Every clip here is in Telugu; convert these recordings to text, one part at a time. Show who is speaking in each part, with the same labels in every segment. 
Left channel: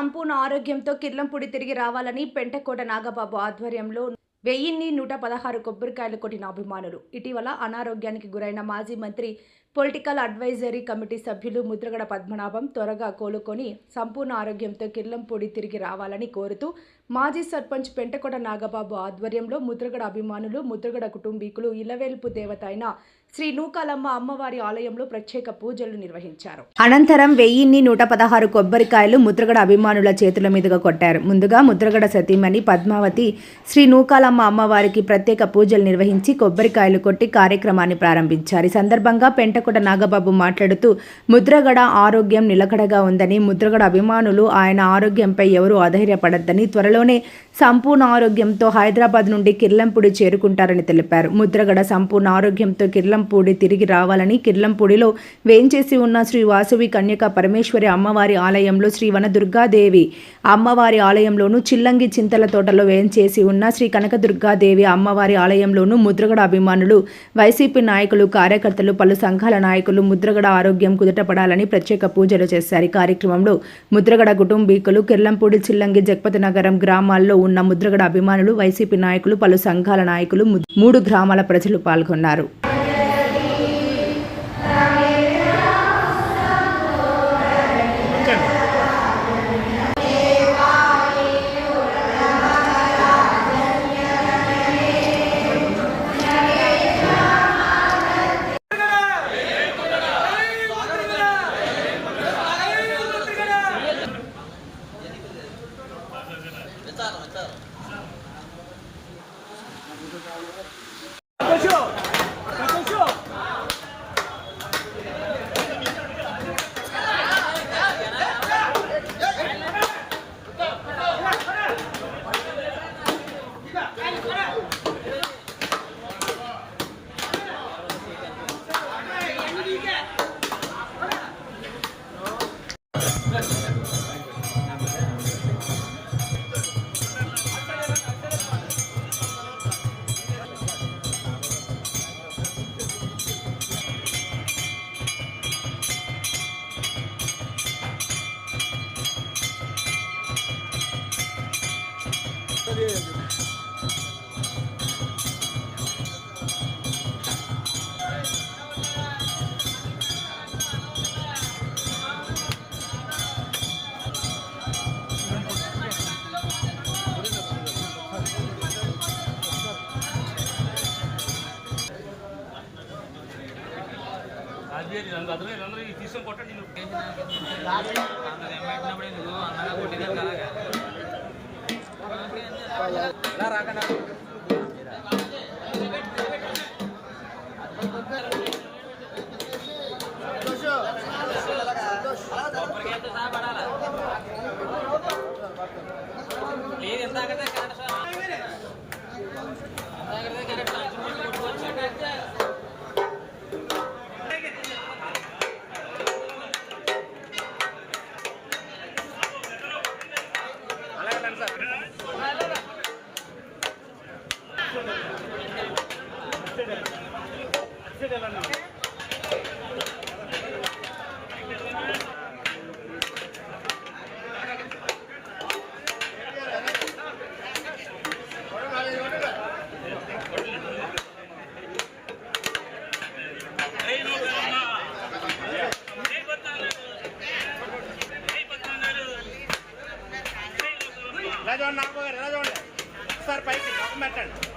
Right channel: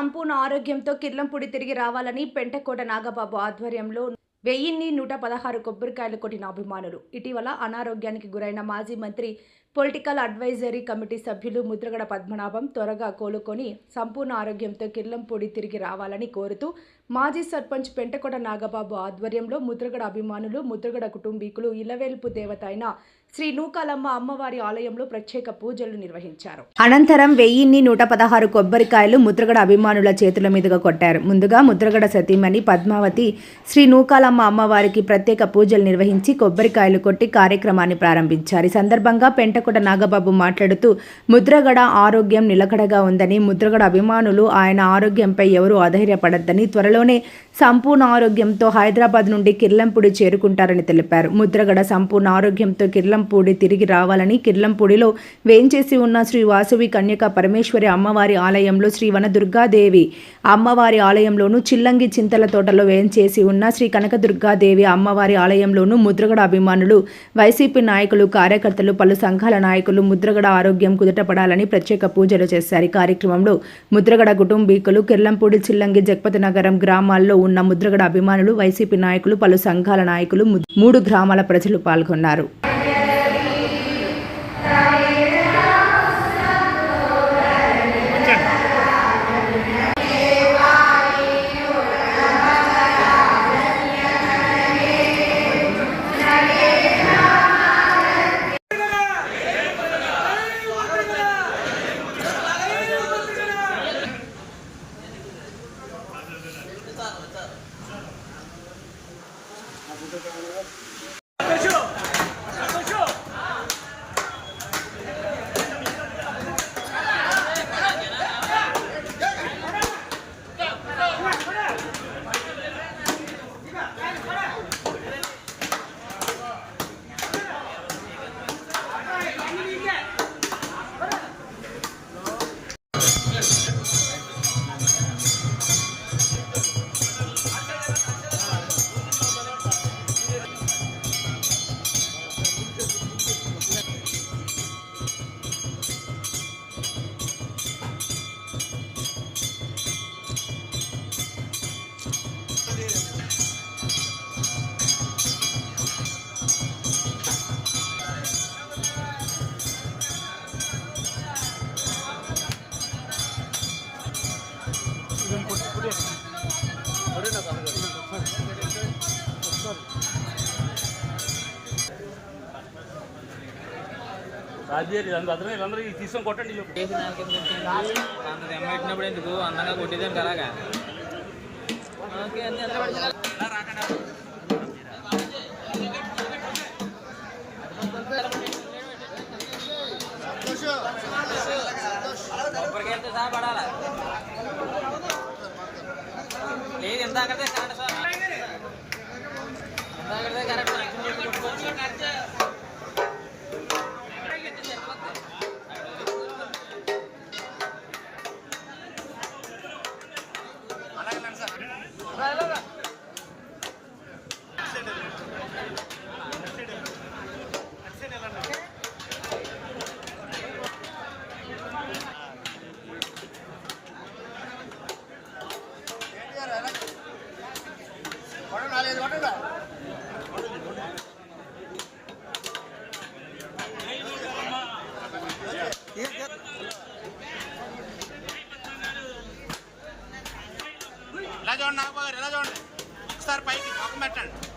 Speaker 1: సంపూర్ణ ఆరోగ్యంతో కిర్లంపూడి తిరిగి రావాలని పెంటకోట నాగబాబు ఆధ్వర్యంలో వెయ్యిన్ని నూట పదహారు కొబ్బరికాయలు కొట్టిన అభిమానులు. ఇటీవల అనారోగ్యానికి గురైన మాజీ మంత్రి పొలిటికల్ అడ్వైజరీ కమిటీ సభ్యులు ముద్రగడ పద్మనాభం త్వరగా కోలుకొని సంపూర్ణ ఆరోగ్యంతో కిర్లంపూడి తిరిగి రావాలని కోరుతూ మాజీ సర్పంచ్ పెంటకోట నాగబాబు ఆధ్వర్యంలో ముద్రగడ అభిమానులు ముద్రగడ కుటుంబీకులు ఇలవేల్పు దేవత అయిన శ్రీ నూకాలమ్మ అమ్మవారి ఆలయంలో ప్రత్యేక పూజలు నిర్వహించారు. అనంతరం వెయ్యిన్ని నూట పదహారు కొబ్బరికాయలు ముద్రగడ అభిమానుల చేతుల మీదుగా కొట్టారు. ముందుగా ముద్రగడ సతీమణి పద్మావతి శ్రీ నూకాలమ్మ అమ్మవారికి ప్రత్యేక పూజలు నిర్వహించి కొబ్బరికాయలు కొట్టి కార్యక్రమాన్ని ప్రారంభించారు. ఈ సందర్భంగా పెంటకుట నాగబాబు మాట్లాడుతూ ముద్రగడ ఆరోగ్యం నిలకడగా ఉందని ముద్రగడ అభిమానులు ఆయన ఆరోగ్యంపై ఎవరూ అధైర్యపడద్దని త్వరలోనే సంపూర్ణ ఆరోగ్యంతో హైదరాబాద్ నుండి కిర్లంపూడి చేరుకుంటారని తెలిపారు. ముద్రగడ సంపూర్ణ ఆరోగ్యంతో కిర్లంపూడి తిరిగి రావాలని కిర్లంపూడిలో వేంచేసి ఉన్న శ్రీ వాసువి కన్యక పరమేశ్వరి అమ్మవారి ఆలయంలో శ్రీ వనదుర్గాదేవి అమ్మవారి ఆలయంలోను చిల్లంగి చింతల తోటలో వేంచేసి ఉన్న శ్రీ కనకదుర్గాదేవి అమ్మవారి ఆలయంలోను ముద్రగడ అభిమానులు వైసీపీ నాయకులు కార్యకర్తలు పలు సంఘాల నాయకులు ముద్రగడ ఆరోగ్యం కుదుటపడాలని ప్రత్యేక పూజలు చేశారు. ఈ కార్యక్రమంలో ముద్రగడ కుటుంబీకులు కిర్లంపూడి చిల్లంగి జగపతి నగరం గ్రామాల్లో ఉన్న ముద్రగడ అభిమానులు వైసీపీ నాయకులు పలు సంఘాల నాయకులు మూడు గ్రామాల ప్రజలు పాల్గొన్నారు.
Speaker 2: వీళ్ళందరూ తీసుకొని కొట్టండి
Speaker 3: మరి ఎందుకు అందంగా కొట్టేదాం కదా లేదు ఎంత అక్కడే కరెక్ట్ సార్ అక్కడే కరెక్ట్
Speaker 4: ఎలా చూడండి నాగబాబు గారు ఎలా చూడండి. ఒకసారి పైకి ముఖం పెట్టండి.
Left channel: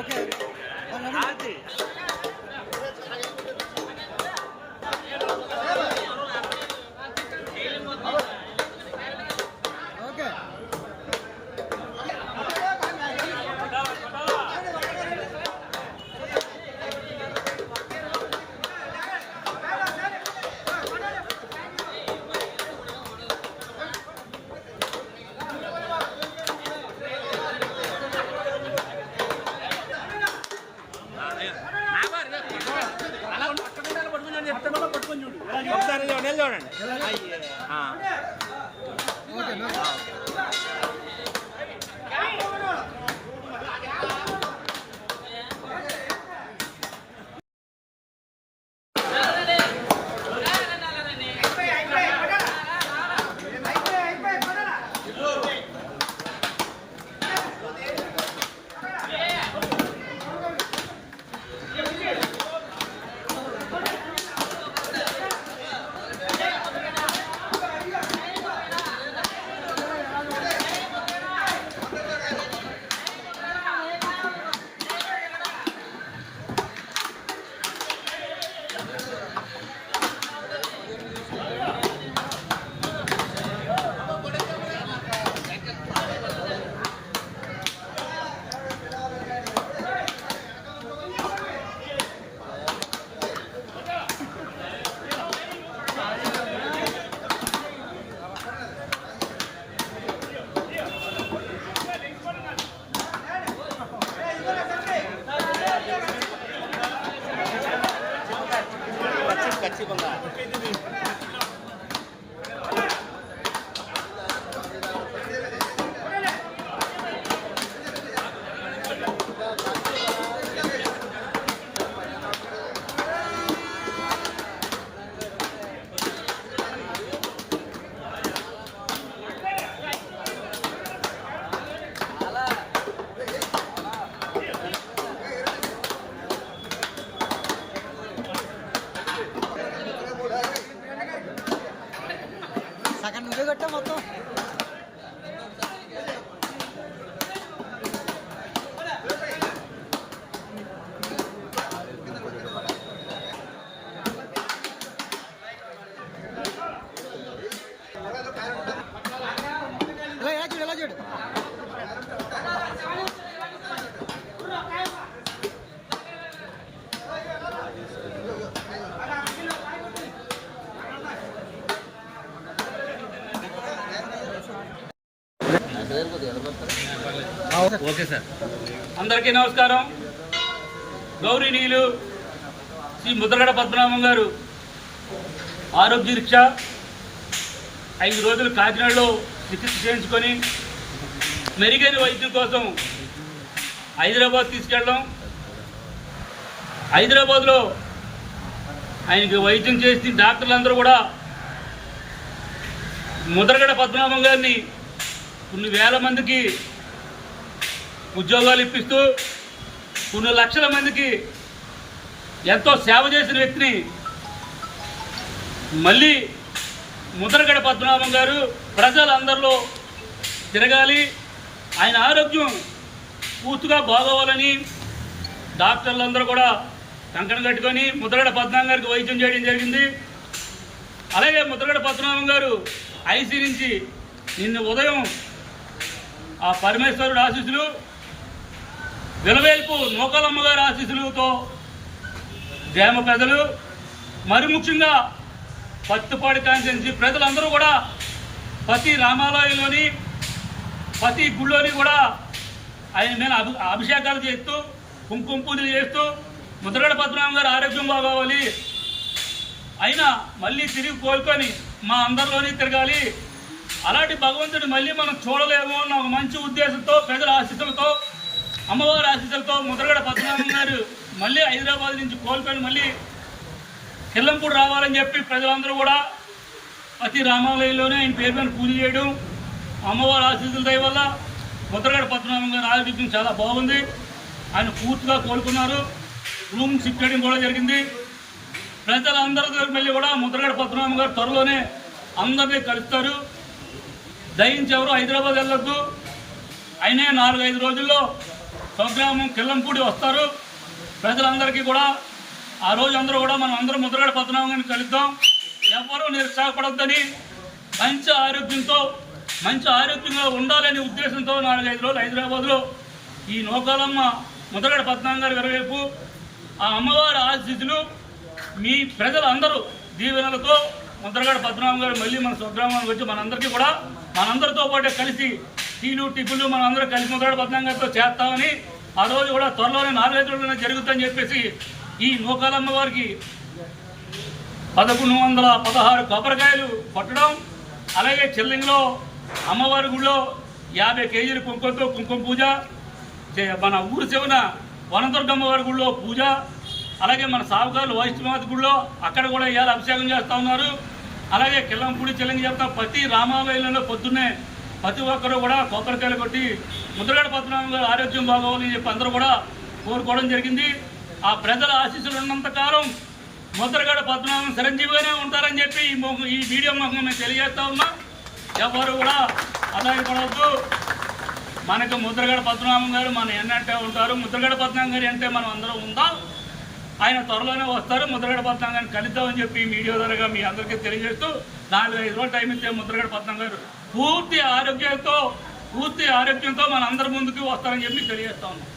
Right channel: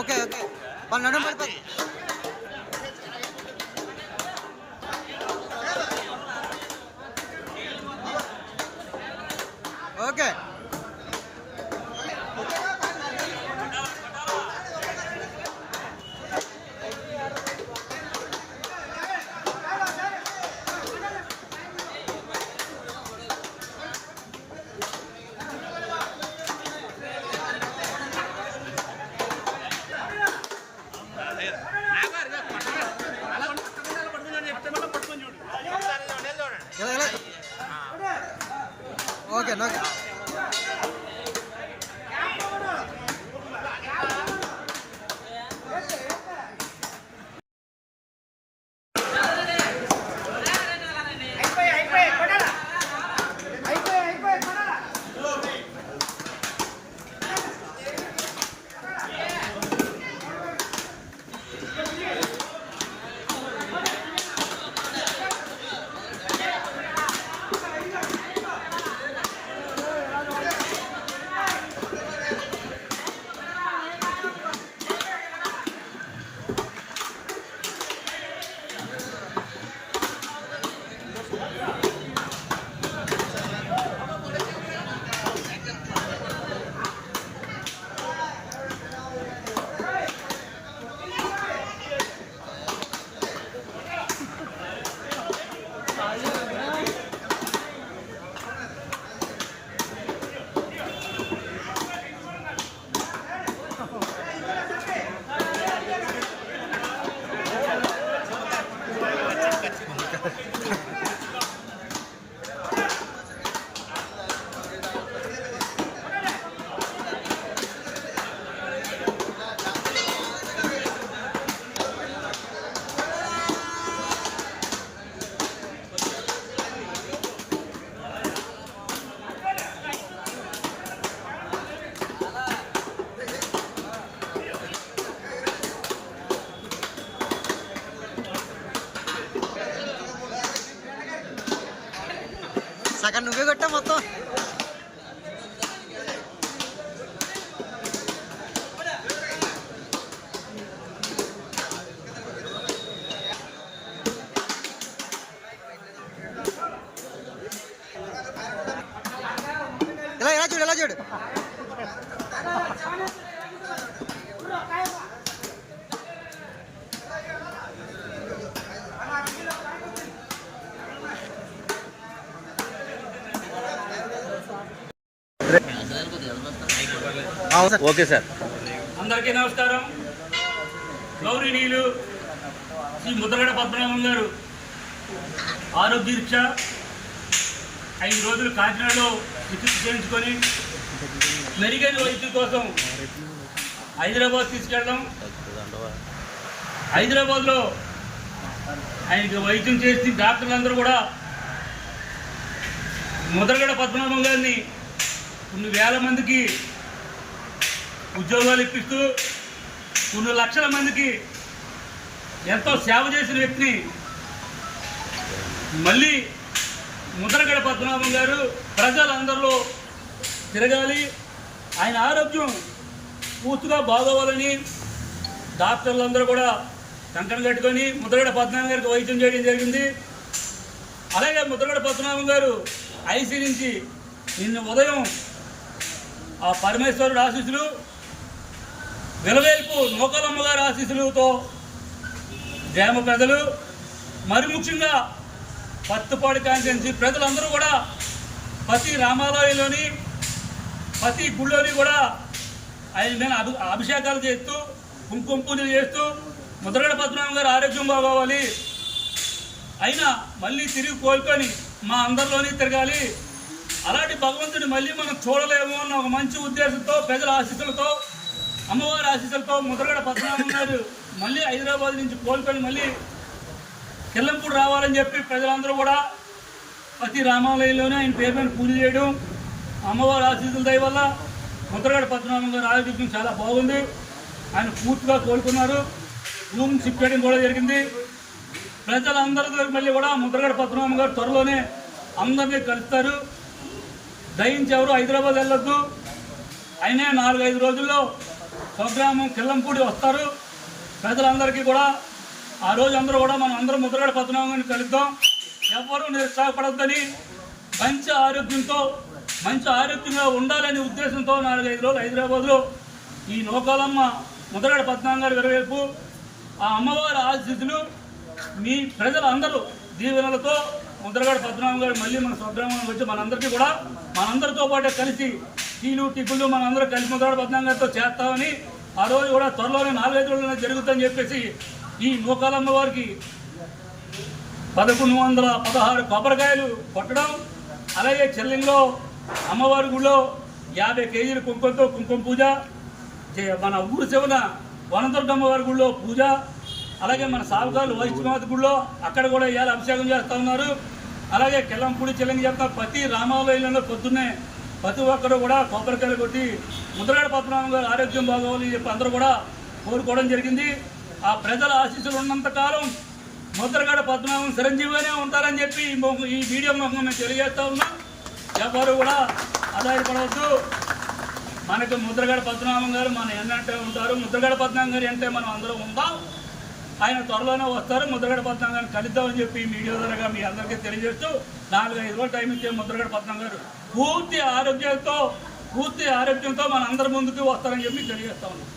Speaker 5: ఆ, ఓకే ఓకే వాళ్ళు నన్ను పడతారు ఓకే
Speaker 4: అలా కొట్టకుండా పడుతుందని చెప్తున్నా కొట్టుకొని చూడు ఒకసారి చూడండి చూడండి
Speaker 5: ఎలా ఎలా ఓకే ఓకే. 分かりました。సగం నువ్వే కొట్టా మొత్తం ఇలా ఎలా చూడు ఎలా చూడు సార్.
Speaker 4: Okay sir.
Speaker 2: అందరికీ నమస్కారం. గౌరీనీయులు శ్రీ ముద్రగడ పద్మనాభం గారు ఆరోగ్య రీక్ష ఐదు రోజులు కాకినాడలో చికిత్స చేయించుకొని మెరుగైన వైద్యం కోసం హైదరాబాద్ తీసుకెళ్ళడం. హైదరాబాద్లో ఆయనకి వైద్యం చేసి డాక్టర్లందరూ కూడా ముద్రగడ పద్మనాభం గారిని కొన్ని వేల మందికి ఉద్యోగాలు ఇప్పిస్తూ కొన్ని లక్షల మందికి ఎంతో సేవ చేసిన వ్యక్తిని మళ్ళీ ముద్రగడ పద్మనాభం గారు ప్రజలందరిలో తిరగాలి. ఆయన ఆరోగ్యం పూర్తిగా బాగోవాలని డాక్టర్లందరూ కూడా కంకణం కట్టుకొని ముద్రగడ పద్మనాభం గారికి వైద్యం చేయడం జరిగింది. అలాగే ముద్రగడ పద్మనాభం గారు ఐసీ నుంచి నిన్న ఉదయం ఆ పరమేశ్వరుడు ఆశీస్సులు విలవేల్పు నూకలమ్మ గారి ఆశీస్సులతో జామ పెదలు మరి ముఖ్యంగా పత్తిపాడి కాన్స్టిట్యున్సీ ప్రజలందరూ కూడా ప్రతి రామాలయంలోని ప్రతి గుళ్ళోని కూడా ఆయన మీద అభి అభిషేకాలు చేస్తూ కుంకుమ పూజలు చేస్తూ ముద్రగడ పద్మనాభం గారు ఆరోగ్యం బాగోవాలి. అయినా మళ్ళీ తిరిగి కోలుకొని మా అందరిలోని తిరగాలి. అలాంటి భగవంతుడు మళ్ళీ మనం చూడలేము అన్న ఒక మంచి ఉద్దేశంతో ప్రజల ఆశీస్సులతో అమ్మవారి ఆశీస్సులతో ముద్రగడ పద్మనాభం గారు మళ్ళీ హైదరాబాద్ నుంచి కోల్పోయిన మళ్ళీ కిల్లంపూడి రావాలని చెప్పి ప్రజలందరూ కూడా ప్రతి రామాలయంలోనే ఆయన పేరు మీద పూజ చేయడం అమ్మవారి ఆశీస్సుల దయ వల్ల ముద్రగడ పద్మనాభం గారి ఆరోగ్యం చాలా బాగుంది. ఆయన పూర్తిగా కోలుకున్నారు. రూమ్ షిఫ్ట్ చేయడం కూడా జరిగింది. ప్రజలందరితో మళ్ళీ కూడా ముద్రగడ పద్మనాభం గారు త్వరలోనే అందరినీ కలుస్తారు. దయించి ఎవరు హైదరాబాద్ వెళ్ళొద్దు. అయినా నాలుగైదు రోజుల్లో స్వగ్రామం కిల్లంపూడి వస్తారు. ప్రజలందరికీ కూడా ఆ రోజు అందరూ కూడా మనం అందరం ముద్రగడ పద్మనాభం కలుద్దాం. ఎవరూ నిరుత్సాహపడద్దని మంచి ఆరోగ్యంతో మంచి ఆరోగ్యంగా ఉండాలనే ఉద్దేశంతో నాలుగైదు రోజులు హైదరాబాద్లో ఈ నోకాలమ్మ ముద్రగడ పద్మనాభం గారి విరవేపు ఆ అమ్మవారి ఆశీస్సులు మీ ప్రజలందరూ దీవెనలతో ముద్రగడ పద్మనాభం గారు మళ్ళీ మన స్వగ్రామానికి వచ్చి మనందరికీ కూడా మనందరితో పాటే కలిసి టీలు టిప్పులు మనందరూ కలిసి ముద్రగడ పద్మనాభం గారితో చేస్తామని ఆ రోజు కూడా త్వరలోనే నాలుగైదు జరుగుతుందని చెప్పేసి ఈ నూకాలమ్మ వారికి పదకొండు వందల పదహారు కొబ్బరికాయలు కొట్టడం అలాగే చెల్లింగ్లో అమ్మవారి గుడిలో యాభై కేజీల కుంకుమతో కుంకుమ పూజ చే- మన ఊరు చివన వనదుర్గమ్మ వారి గుడిలో పూజ అలాగే మన సావుకారులు వైష్ణమాత గుడిలో అక్కడ కూడా ఇవాళ అభిషేకం చేస్తూ ఉన్నారు. అలాగే కిల్లంపూడి చెల్లింగి చెప్తా ప్రతి రామాలయంలో పొద్దున్నే ప్రతి ఒక్కరూ కూడా కొబ్బరికాయలు కొట్టి ముద్రగడ పద్మనాభం గారు ఆరోగ్యం బాగోవాలని చెప్పి అందరూ కూడా కోరుకోవడం జరిగింది. ఆ ప్రజల ఆశీస్సులు ఉన్నంతకాలం ముద్రగడ పద్మనాభం చిరంజీవిగానే ఉంటారని చెప్పి ఈ మీడియం ముఖం మేము తెలియజేస్తా ఉన్నాం. ఎవరు కూడా ఆదాయపడవద్దు మనకు ముద్రగడ పద్మనాభం గారు మన ఎన్నంటే ఉంటారు. ముద్రగడ పద్మనాభం గారు అంటే మనం అందరం ఉందాం. ఆయన త్వరలోనే వస్తారు. ముద్రగడ పద్మనాభం గారిని కలుద్దామని చెప్పి మీడియా ద్వారా మీ అందరికీ తెలియజేస్తూ నాలుగు ఐదు రోజులు టైం ఇచ్చే ముద్రగడ పద్మనాభం గారు పూర్తి ఆరోగ్యంతో పూర్తి ఆరోగ్యంతో మన అందరి ముందుకు వస్తారని చెప్పి తెలియజేస్తా ఉన్నాం.